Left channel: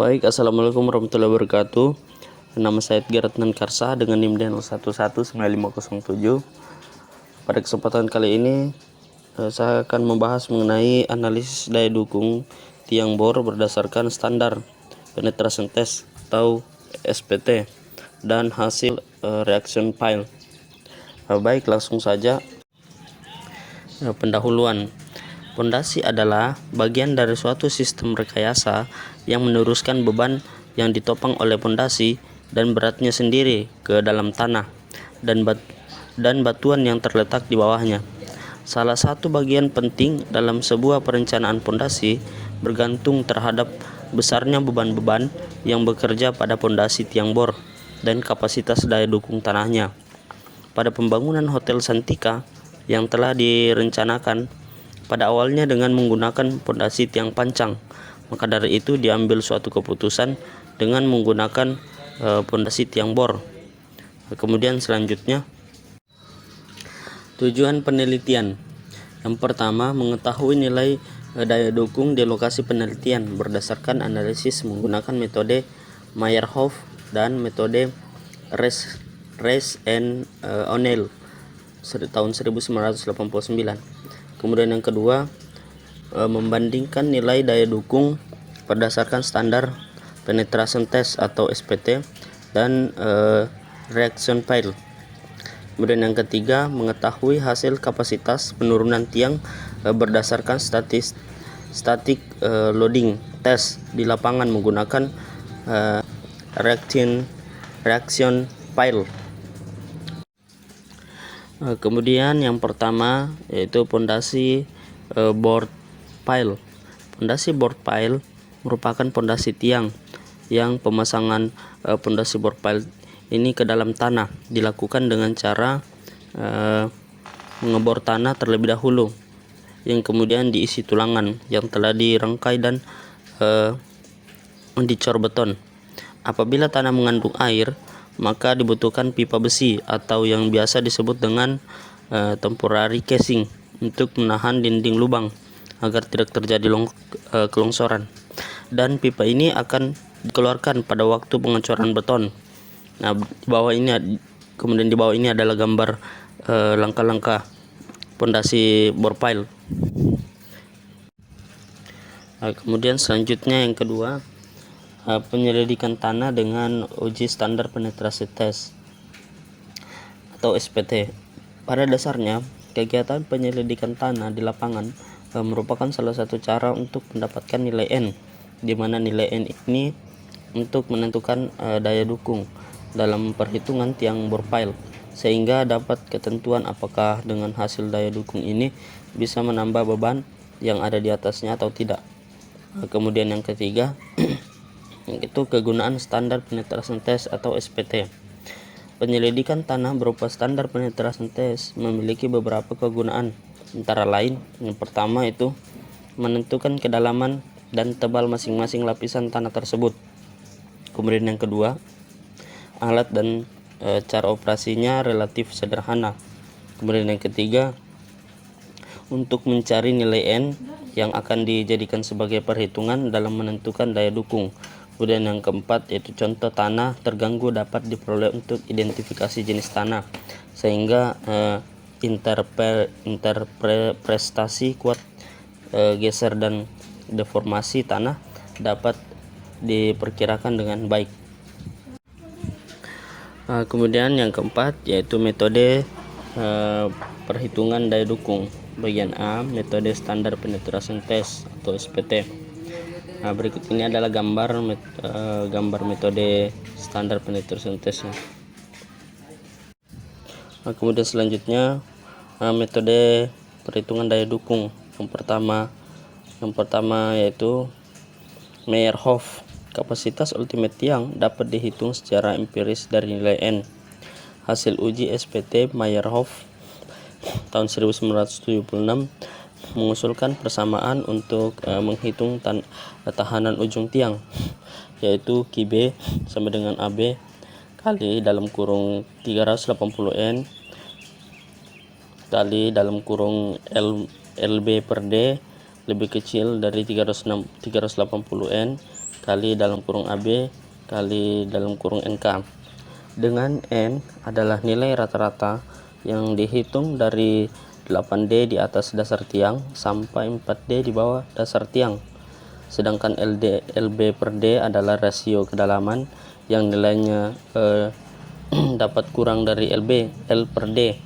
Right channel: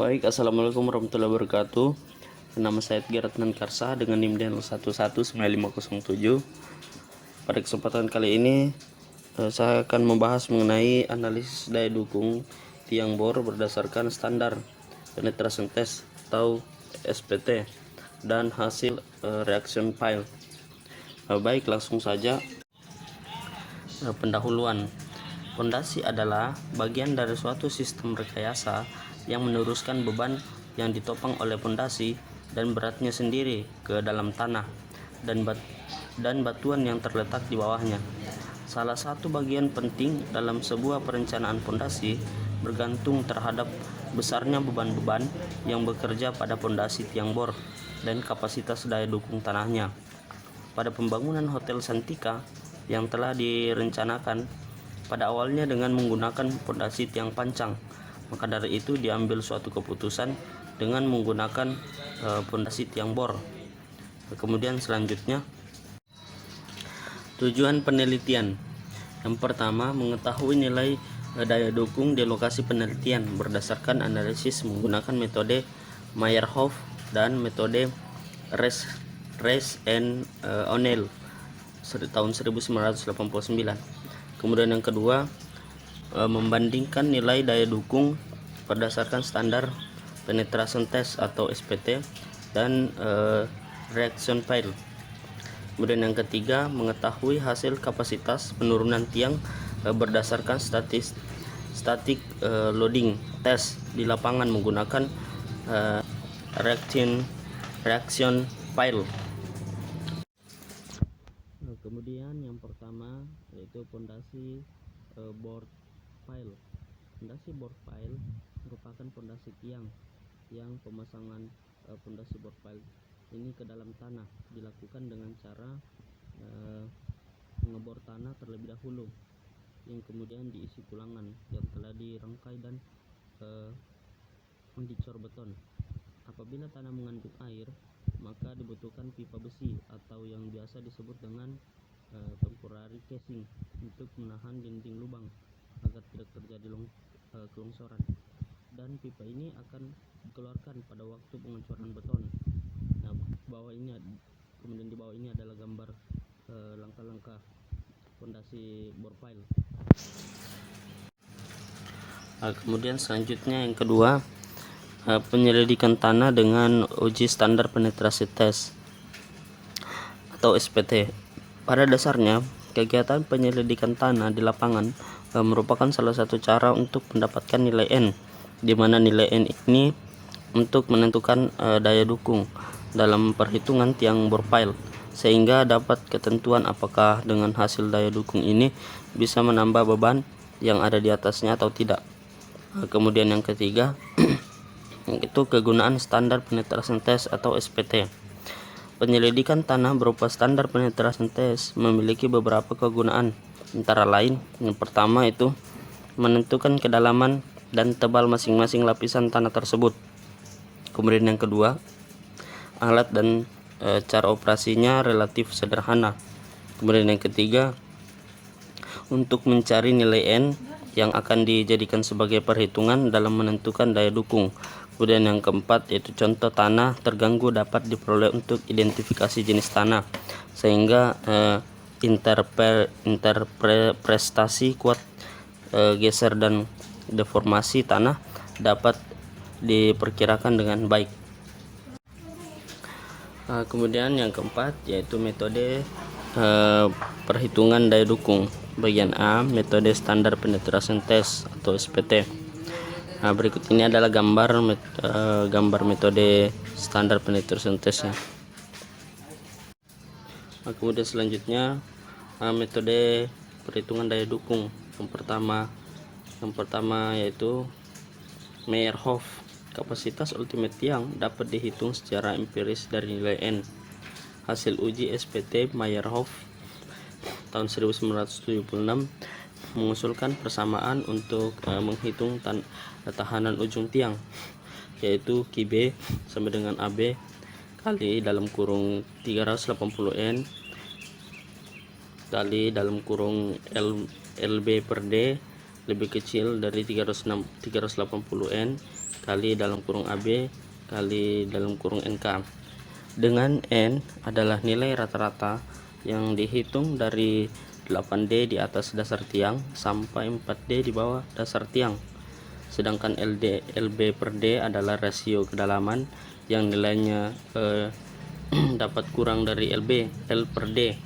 Baik, assalamualaikum warahmatullahi wabarakatuh. Nama saya Edgar Karsa dengan NIM DN 119507. Pada kesempatan kali ini saya akan membahas mengenai analisis daya dukung tiang bor berdasarkan standar penetration test atau SPT dan hasil reaction pile. Baik, langsung saja. Pendahuluan. Pondasi adalah bagian dari suatu sistem rekayasa yang meneruskan beban yang ditopang oleh pondasi dan beratnya sendiri ke dalam tanah dan batuan yang terletak di bawahnya. Salah satu bagian penting dalam sebuah perencanaan pondasi bergantung terhadap besarnya beban-beban yang bekerja pada pondasi tiang bor dan kapasitas daya dukung tanahnya. Pada pembangunan Hotel Santika yang telah direncanakan pada awalnya dengan menggunakan pondasi tiang pancang, maka dari itu diambil suatu keputusan dengan menggunakan pondasi tiang bor. Kemudian selanjutnya, tujuan penelitian. Yang pertama, mengetahui nilai daya dukung di lokasi penelitian berdasarkan analisis menggunakan metode Meyerhof dan metode Rees and O'Neill tahun 1989. Kemudian yang kedua, membandingkan nilai daya dukung berdasarkan standar penetration test atau SPT dan reaction pile. Kemudian yang ketiga, mengetahui hasil kapasitas penurunan tiang berdasarkan static loading test di lapangan menggunakan reaction pile. Kemudian yang pertama yaitu pondasi board pile. Pondasi board pile merupakan pondasi tiang yang pemasangan pondasi board pile ini ke dalam tanah dilakukan dengan cara mengebor tanah terlebih dahulu, yang kemudian diisi tulangan yang telah dirangkai dan dicor beton. Apabila tanah mengandung air, maka dibutuhkan pipa besi atau yang biasa disebut dengan temporary casing untuk menahan dinding lubang agar tidak terjadi kelongsoran, dan pipa ini akan dikeluarkan pada waktu pengecoran beton. Nah, di bawah ini adalah gambar langkah-langkah pondasi bor pile. Kemudian selanjutnya yang kedua, penyelidikan tanah dengan uji standar penetrasi test atau SPT. Pada dasarnya, kegiatan penyelidikan tanah di lapangan merupakan salah satu cara untuk mendapatkan nilai N, di mana nilai N ini untuk menentukan daya dukung dalam perhitungan tiang bor pile, sehingga dapat ketentuan apakah dengan hasil daya dukung ini bisa menambah beban yang ada di atasnya atau tidak. Kemudian yang ketiga itu kegunaan standar penetration test atau SPT. Penyelidikan tanah berupa standar penetration test memiliki beberapa kegunaan, antara lain yang pertama itu menentukan kedalaman dan tebal masing-masing lapisan tanah tersebut. Kemudian yang kedua, alat dan cara operasinya relatif sederhana. Kemudian yang ketiga, untuk mencari nilai N yang akan dijadikan sebagai perhitungan dalam menentukan daya dukung. Kemudian yang keempat yaitu contoh tanah terganggu dapat diperoleh untuk identifikasi jenis tanah, sehingga interpretasi kuat geser dan deformasi tanah dapat diperkirakan dengan baik. Kemudian yang keempat yaitu metode perhitungan daya dukung. Bagian A, metode standar penetration test atau SPT. Berikut ini adalah gambar metode standar penetration testnya. Kemudian selanjutnya metode perhitungan daya dukung. Yang pertama yaitu Meyerhof. Kapasitas ultimate tiang dapat dihitung secara empiris dari nilai N. Hasil uji SPT Meyerhof tahun 1976 mengusulkan persamaan untuk menghitung tahanan ujung tiang, yaitu QB sama dengan AB kali dalam kurung 380 N kali dalam kurung LB per D lebih kecil dari 380 N kali dalam kurung AB kali dalam kurung NK, dengan N adalah nilai rata-rata yang dihitung dari 8D di atas dasar tiang sampai 4D di bawah dasar tiang. Sedangkan LB per D adalah rasio kedalaman yang nilainya dapat kurang dari L per D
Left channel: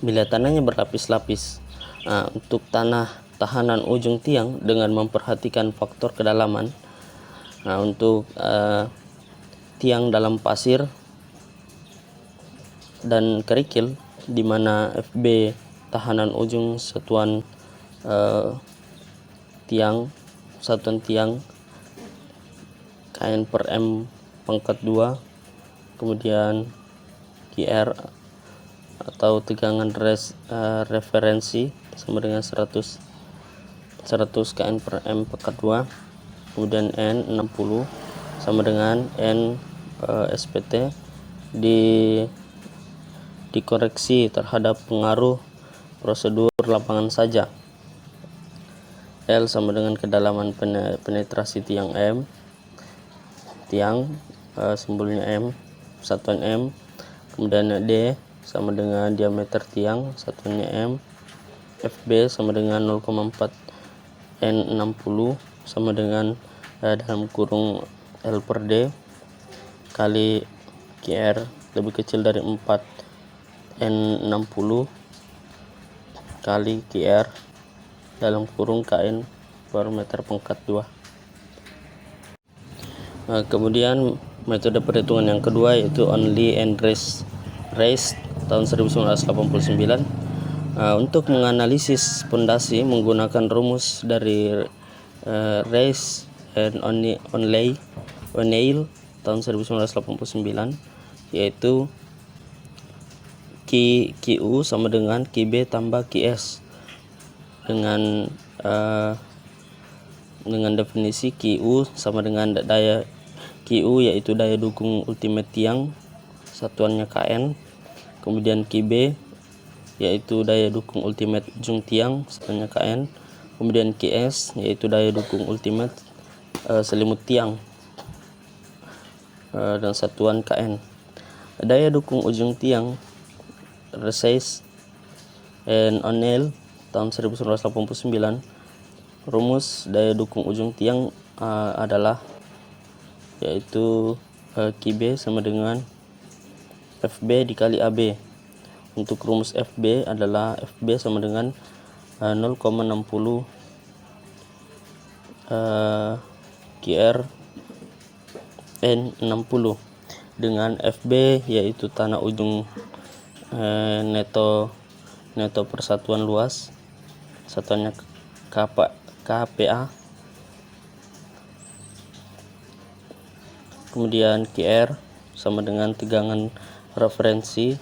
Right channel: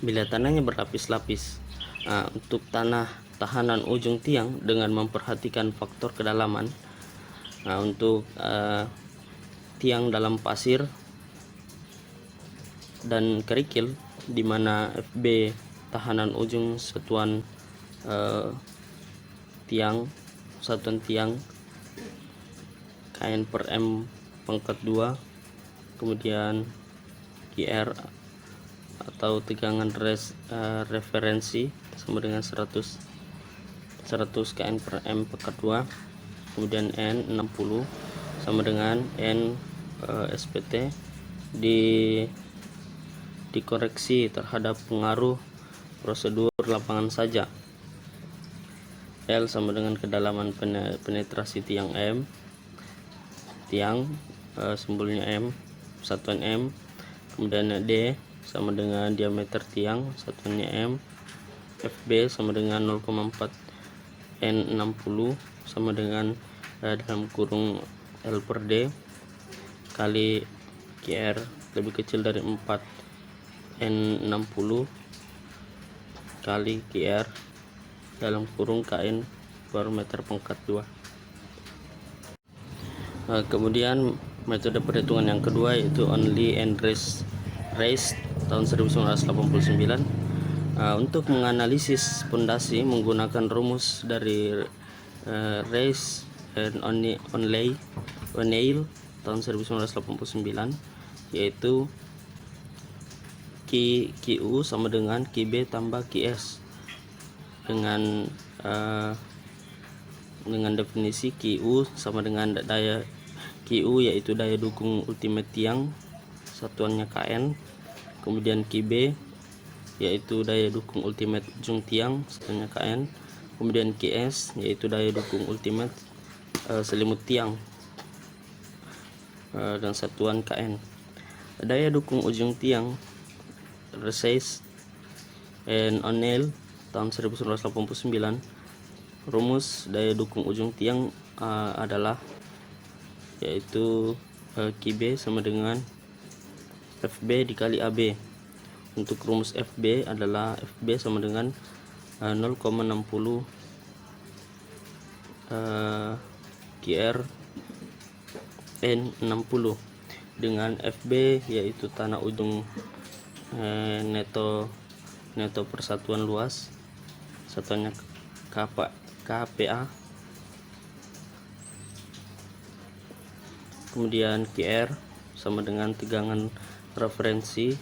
bila tanahnya berlapis-lapis. Untuk tanah tahanan ujung tiang dengan memperhatikan faktor kedalaman, untuk tiang dalam pasir dan kerikil, di mana FB tahanan ujung satuan satuan tiang KN per M pangkat 2, kemudian QR atau tegangan referensi sama dengan 100 KN per M pangkat 2, kemudian N 60 sama dengan N SPT dikoreksi terhadap pengaruh prosedur lapangan saja. L sama dengan kedalaman penetrasi tiang M, simbolnya M, satuan M, kemudian D sama dengan diameter tiang, satuannya M, FB sama dengan 0,4, N60 sama dengan dalam kurung L per D kali QR lebih kecil dari 4, N60 kali QR dalam kurung KN per meter pangkat 2. Kemudian metode perhitungan yang kedua yaitu only and raised tahun 1989. Untuk menganalisis pondasi menggunakan rumus dari Race and O'Neill tahun 1989, yaitu QU sama dengan QB tambah QS, dengan definisi QU sama dengan daya QU yaitu daya dukung ultimate tiang, satuannya KN, kemudian QB yaitu daya dukung ultimate ujung tiang, satuannya KN, kemudian QS yaitu daya dukung ultimate selimut tiang dan satuan KN. Daya dukung ujung tiang Race and O'Neill tahun 1989, rumus daya dukung ujung tiang adalah yaitu QB sama dengan FB dikali AB. Untuk rumus FB adalah FB sama dengan 0,60 QR N60, dengan FB yaitu tanah ujung neto persatuan luas, satuannya KPA, kemudian QR sama dengan tegangan referensi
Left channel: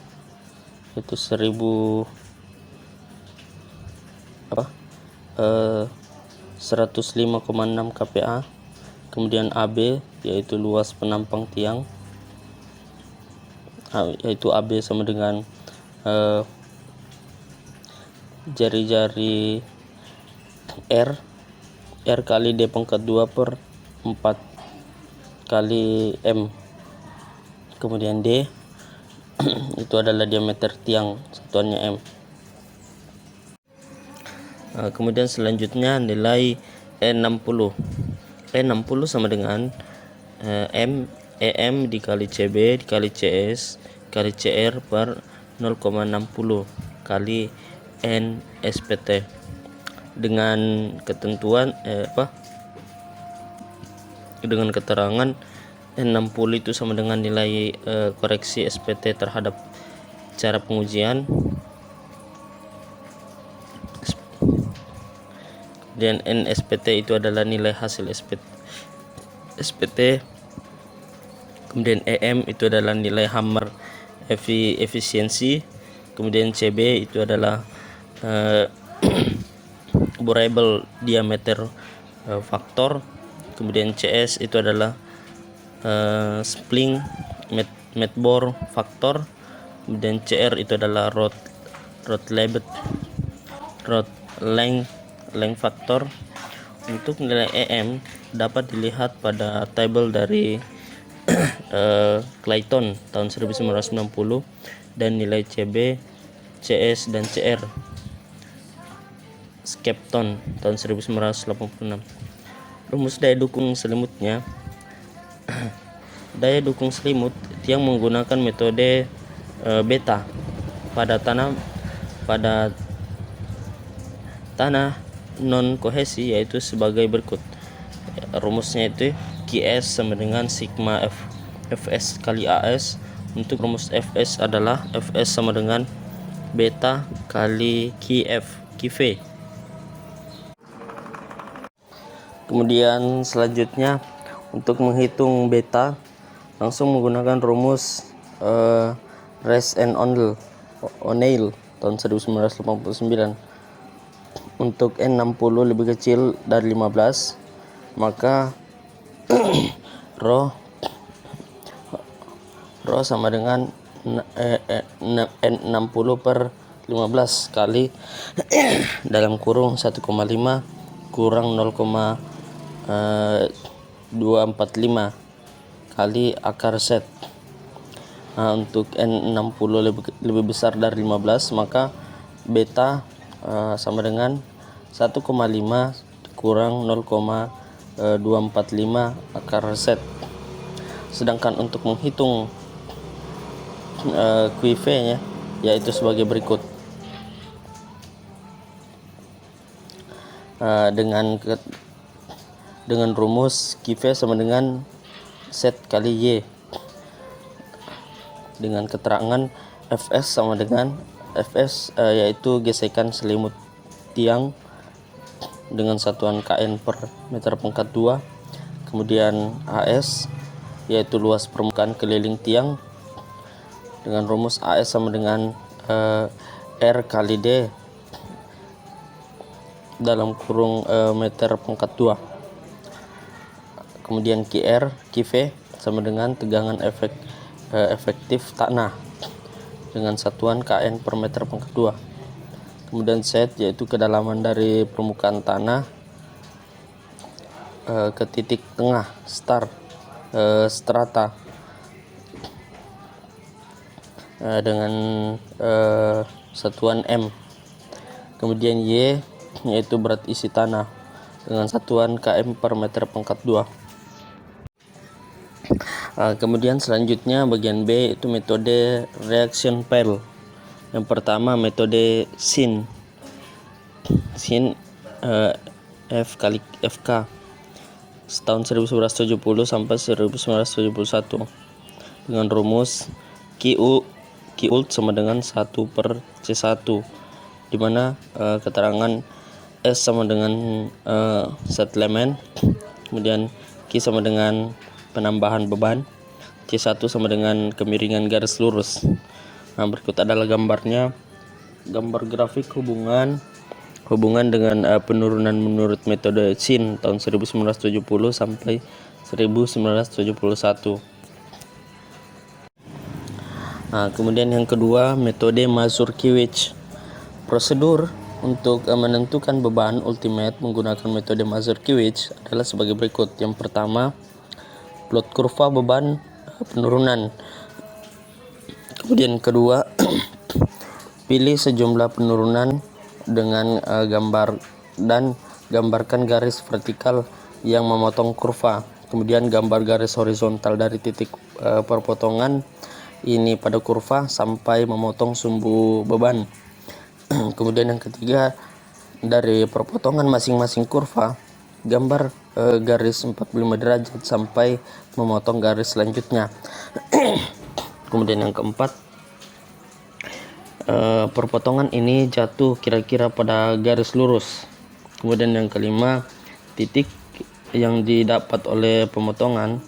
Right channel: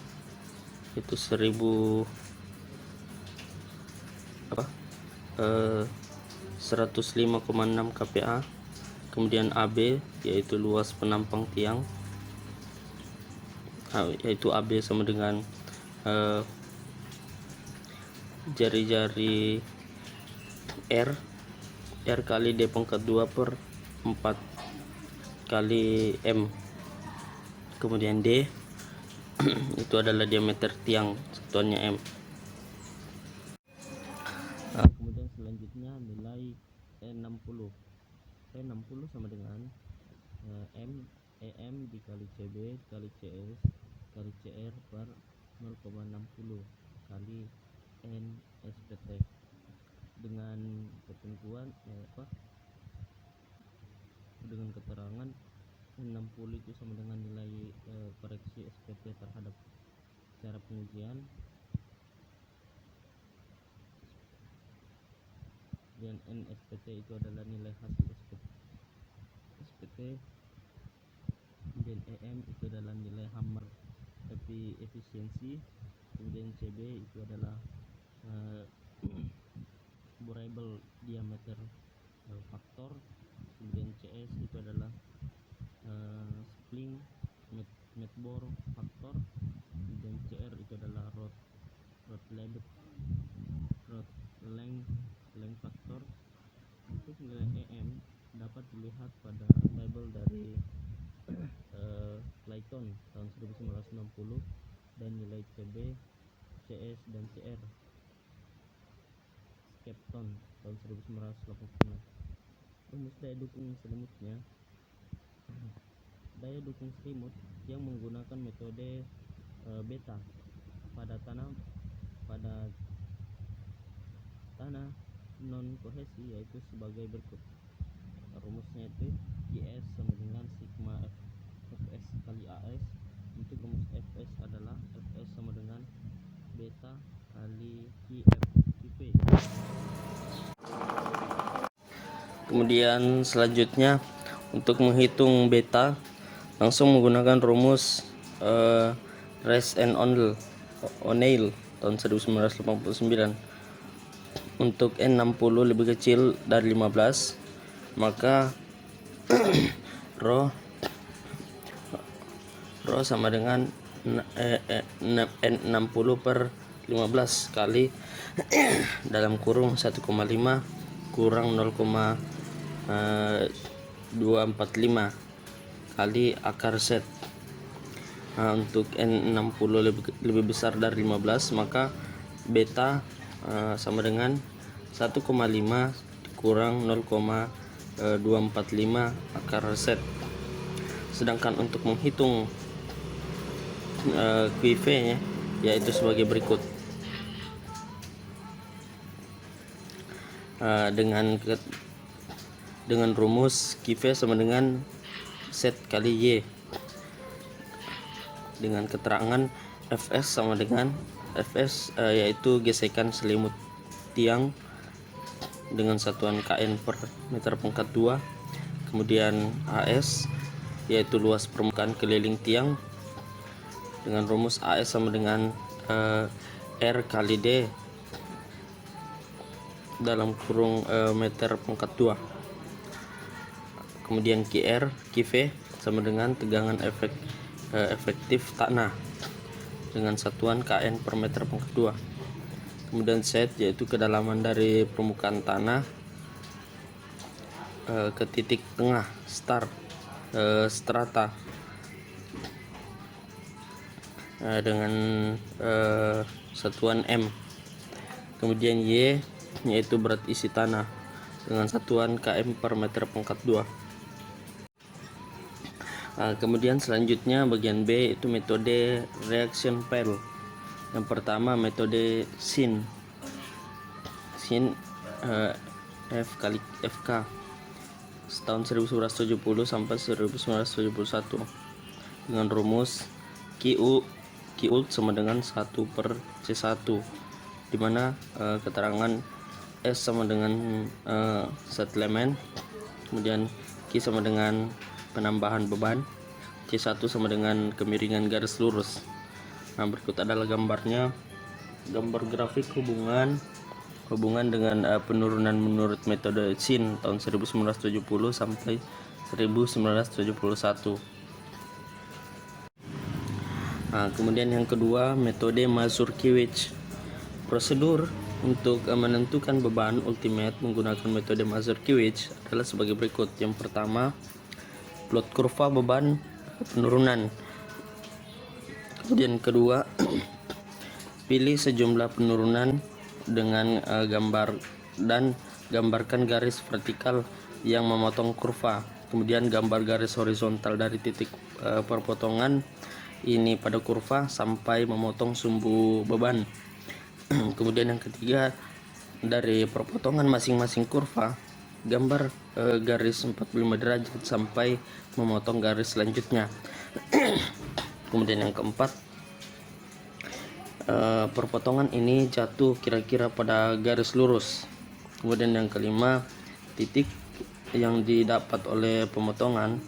itu 105,6 KPA, kemudian AB yaitu luas penampang tiang, yaitu AB sama dengan jari-jari R kali D pangkat 2 per 4 kali M, kemudian D itu adalah diameter tiang, satuannya M. Kemudian selanjutnya nilai E60 sama dengan EM dikali CB dikali CS kali CR per 0,60 kali N SPT, dengan ketentuan dengan keterangan N60 itu sama dengan nilai koreksi SPT terhadap cara pengujian, dan N SPT itu adalah nilai hasil SPT, kemudian EM itu adalah nilai hammer efisiensi, kemudian CB itu adalah variable diameter faktor, kemudian CS itu adalah spling mat bore faktor, kemudian CR itu adalah rod length faktor, Untuk nilai EM dapat dilihat pada tabel dari Clayton tahun 1990 dan nilai CB, CS dan CR Skepton tahun 1986. Rumus daya dukung selimutnya. Daya dukung selimut yang menggunakan metode beta pada tanah non kohesi yaitu sebagai berikut. Rumusnya itu QS sama dengan sigma Fs kali AS. Untuk rumus Fs adalah Fs sama dengan beta kali QV. Kemudian selanjutnya untuk menghitung beta langsung menggunakan rumus Rees and O'Neill tahun 1989. Untuk N60 lebih kecil dari 15, maka rho sama dengan N60 per 15 kali dalam kurung 1,5 kurang 0,245 kali akar set. Untuk N60 lebih besar dari 15, maka beta sama dengan 1,5 kurang 0,245 akar set. Sedangkan untuk menghitung QV nya yaitu sebagai berikut. Dengan rumus QV sama dengan set kali Y dengan keterangan Fs sama dengan Fs yaitu gesekan selimut tiang dengan satuan kN per meter pangkat 2. Kemudian AS yaitu luas permukaan keliling tiang dengan rumus AS sama dengan R kali D dalam kurung meter pangkat 2. Kemudian QV sama dengan tegangan efektif tanah dengan satuan kN per meter pangkat 2. Kemudian Z yaitu kedalaman dari permukaan tanah ke titik tengah strata dengan satuan M. Kemudian Y yaitu berat isi tanah dengan satuan km per meter pangkat 2. Kemudian selanjutnya bagian B itu metode reaction Pell. Yang pertama metode sin F kali FK tahun 1970 sampai 1971 dengan rumus Qult sama dengan 1 per C1, di mana keterangan S sama dengan settlement, kemudian Q sama dengan penambahan beban, C1 sama dengan kemiringan garis lurus. Nah, berikut adalah gambarnya, gambar grafik hubungan dengan penurunan menurut metode Sin tahun 1970 sampai 1971. Nah, kemudian yang kedua metode Mazurkiewicz. Prosedur untuk menentukan beban ultimate menggunakan metode Mazurkiewicz adalah sebagai berikut. Yang pertama, plot kurva beban penurunan. Kemudian kedua, pilih sejumlah penurunan dengan gambar dan gambarkan garis vertikal yang memotong kurva. Kemudian gambar garis horizontal dari titik perpotongan ini pada kurva sampai memotong sumbu beban. Kemudian yang ketiga, dari perpotongan masing-masing kurva gambar garis 45 derajat sampai memotong garis selanjutnya. Kemudian yang keempat, perpotongan ini jatuh kira-kira pada garis lurus. Kemudian yang kelima, titik yang didapat oleh pemotongan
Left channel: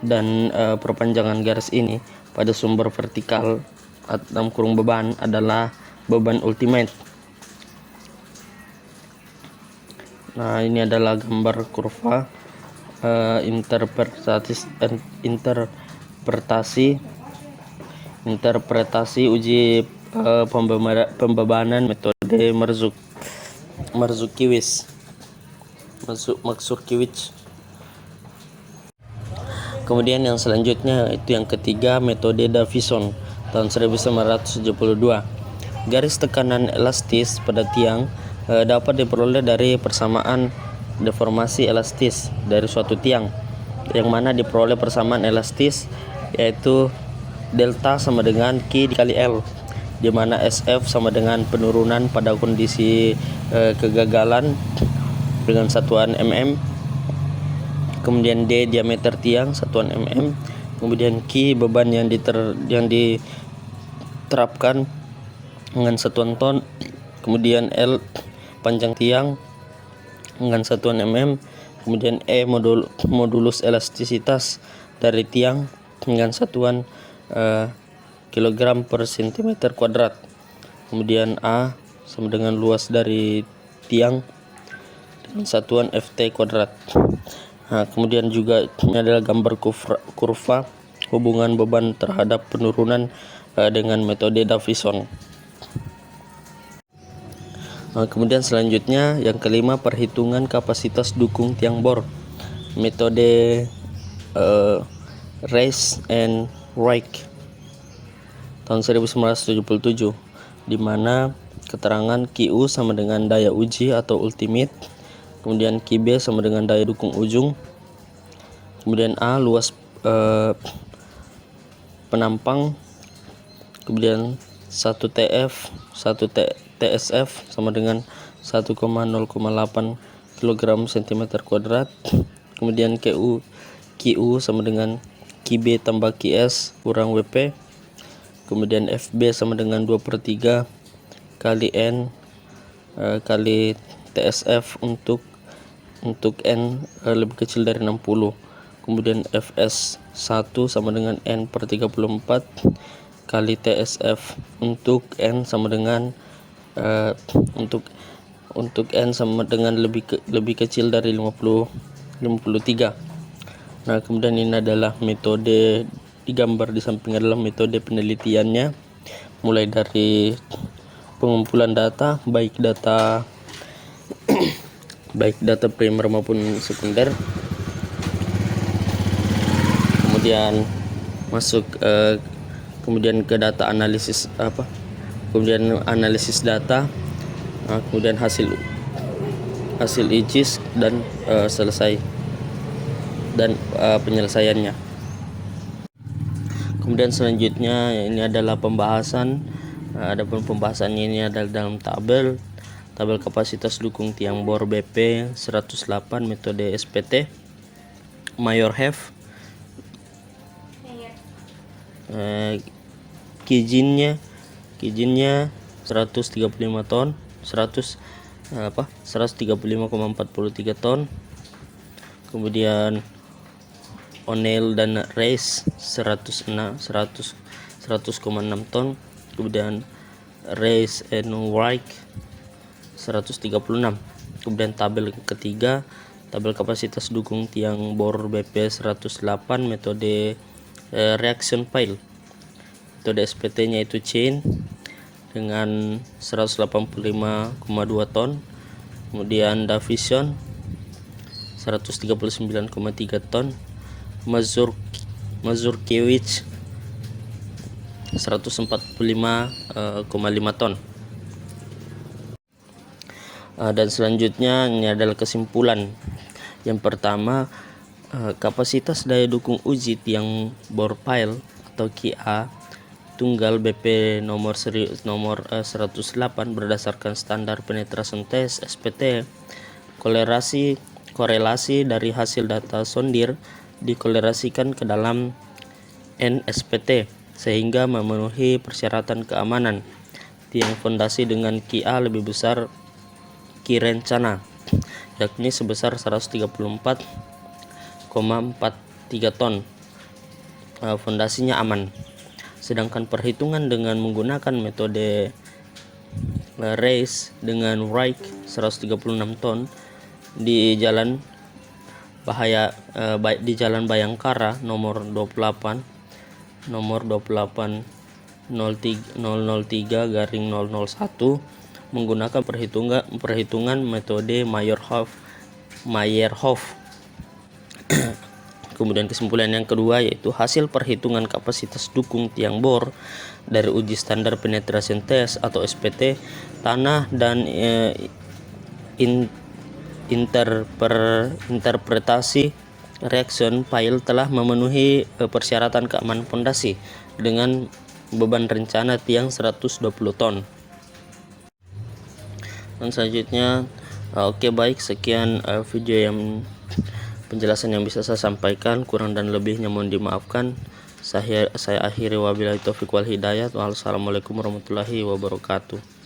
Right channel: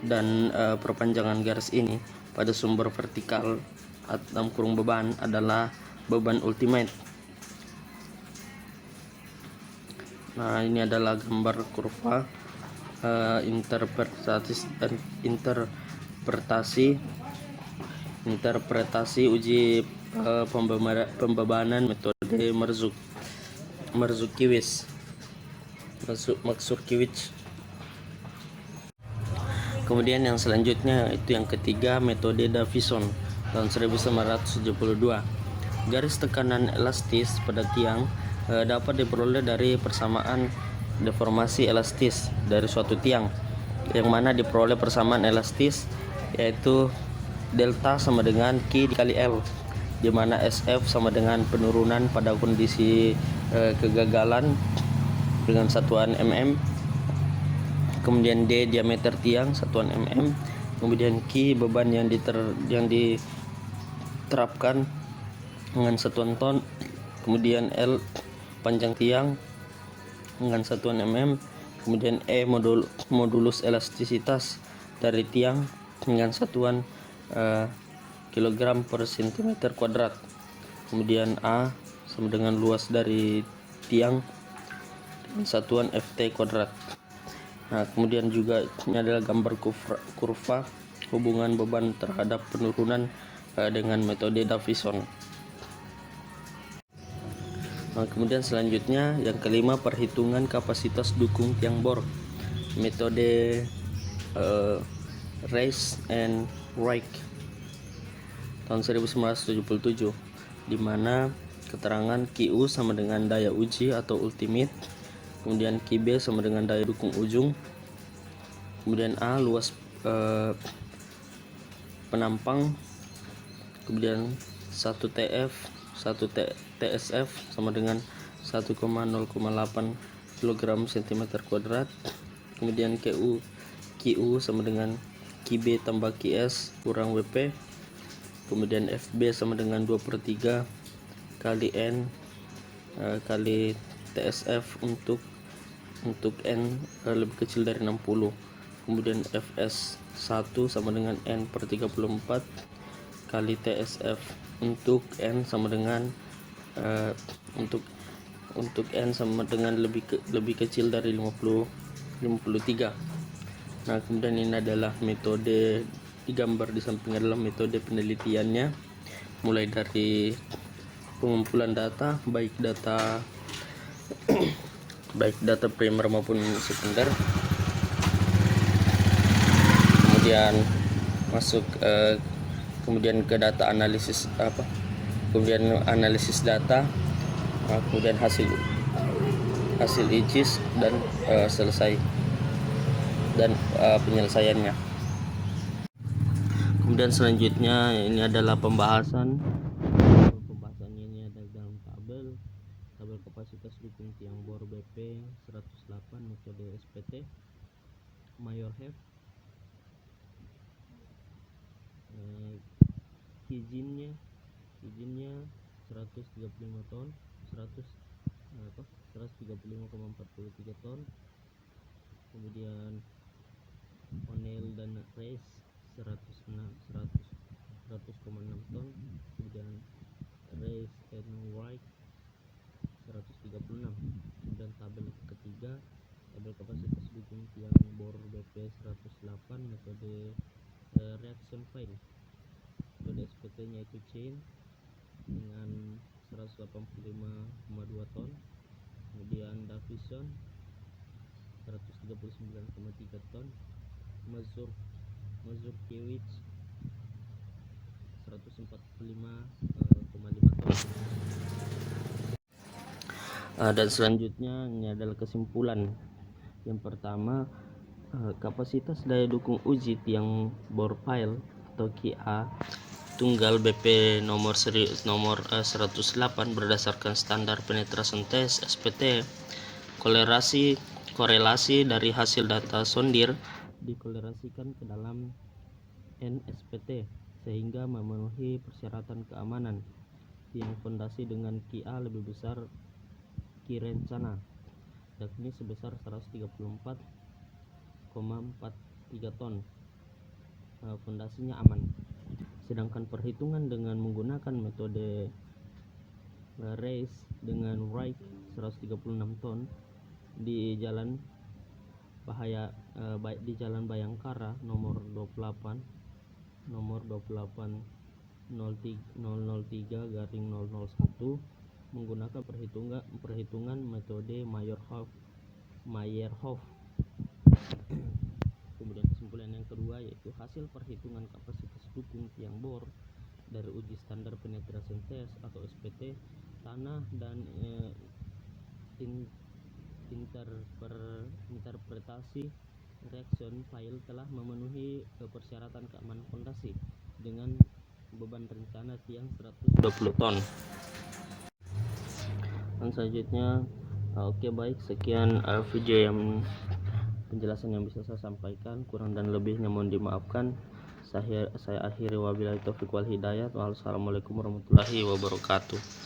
dan perpanjangan garis ini pada sumber vertikal dalam kurung beban adalah beban ultimate. Nah, ini adalah gambar kurva interpretasi uji pembebanan metode Mazurkiewicz. Mazurkiewicz. Kemudian yang selanjutnya itu yang ketiga, metode Davison tahun 1972. Garis tekanan elastis pada tiang dapat diperoleh dari persamaan deformasi elastis dari suatu tiang, yang mana diperoleh persamaan elastis yaitu delta sama dengan Q dikali L, di mana SF sama dengan penurunan pada kondisi kegagalan dengan satuan mm, kemudian D diameter tiang satuan mm, kemudian Q beban yang diterapkan dengan satuan ton, kemudian L panjang tiang dengan satuan mm, kemudian E modulus elastisitas dari tiang dengan satuan kilogram per sentimeter kuadrat, kemudian A sama dengan luas dari tiang dengan satuan Ft kuadrat. Nah, kemudian juga ini adalah gambar kurva hubungan beban terhadap penurunan dengan metode Davison. Nah, kemudian selanjutnya yang kelima, perhitungan kapasitas dukung tiang bor, metode Reis and Reich tahun 1977, di mana keterangan QU sama dengan daya uji atau ultimate, kemudian QB sama dengan daya dukung ujung, kemudian A luas penampang, kemudian 1 TF 1 TSF sama dengan 1,08 kg cm kuadrat, kemudian QU sama dengan QB tambah QS kurang WP, kemudian FB sama dengan 2/3 kali N kali TSF untuk N lebih kecil dari 60, kemudian FS 1 sama dengan N per 34 kali TSF untuk N sama dengan untuk N sama dengan lebih kecil dari 53. Nah, kemudian ini adalah metode digambar di samping adalah metode penelitiannya, mulai dari pengumpulan data baik data primer maupun sekunder, kemudian masuk kemudian ke data analisis kemudian analisis data, kemudian hasil IGIS dan selesai dan penyelesaiannya. Kemudian selanjutnya ini adalah pembahasan. Adapun pembahasannya ini adalah dalam tabel kapasitas dukung tiang bor BP 108 metode SPT Mayor Have. Kijinnya 135 ton 135,43 ton, kemudian O'Neill dan Reis 100,6 ton, kemudian Reis and Wright 136. Kemudian tabel ketiga, tabel kapasitas dukung tiang bor BP 108 metode reaction pile. Metode SPT-nya itu chain dengan 185,2 ton, kemudian Davison 139,3 ton, Mazurkiewicz 145,5 ton. Dan selanjutnya ini adalah kesimpulan. Yang pertama, kapasitas daya dukung uji tiang bor pile atau QA tunggal BP nomor 108 berdasarkan standar penetration test SPT. Korelasi dari hasil data sondir dikolerasikan ke dalam NSPT sehingga memenuhi persyaratan keamanan. Tiang fondasi dengan QA lebih besar Q rencana, yakni sebesar 134,43 ton. Fondasinya aman. Sedangkan perhitungan dengan menggunakan metode Reis dengan Wright 136 ton di Jalan Bayangkara nomor 28 003/001 menggunakan perhitungan metode Mayor-Have Meyerhof. Kemudian kesimpulan yang kedua yaitu hasil perhitungan kapasitas dukung tiang bor dari uji standar penetration test atau SPT tanah dan interpretasi reaction pile telah memenuhi persyaratan keamanan pondasi dengan beban rencana tiang 120 ton. Dan selanjutnya oke, baik, sekian video yang penjelasan yang bisa saya sampaikan, kurang dan lebihnya mohon dimaafkan. Saya akhiri, wabillahi taufiq wal hidayah. Wassalamualaikum warahmatullahi wabarakatuh.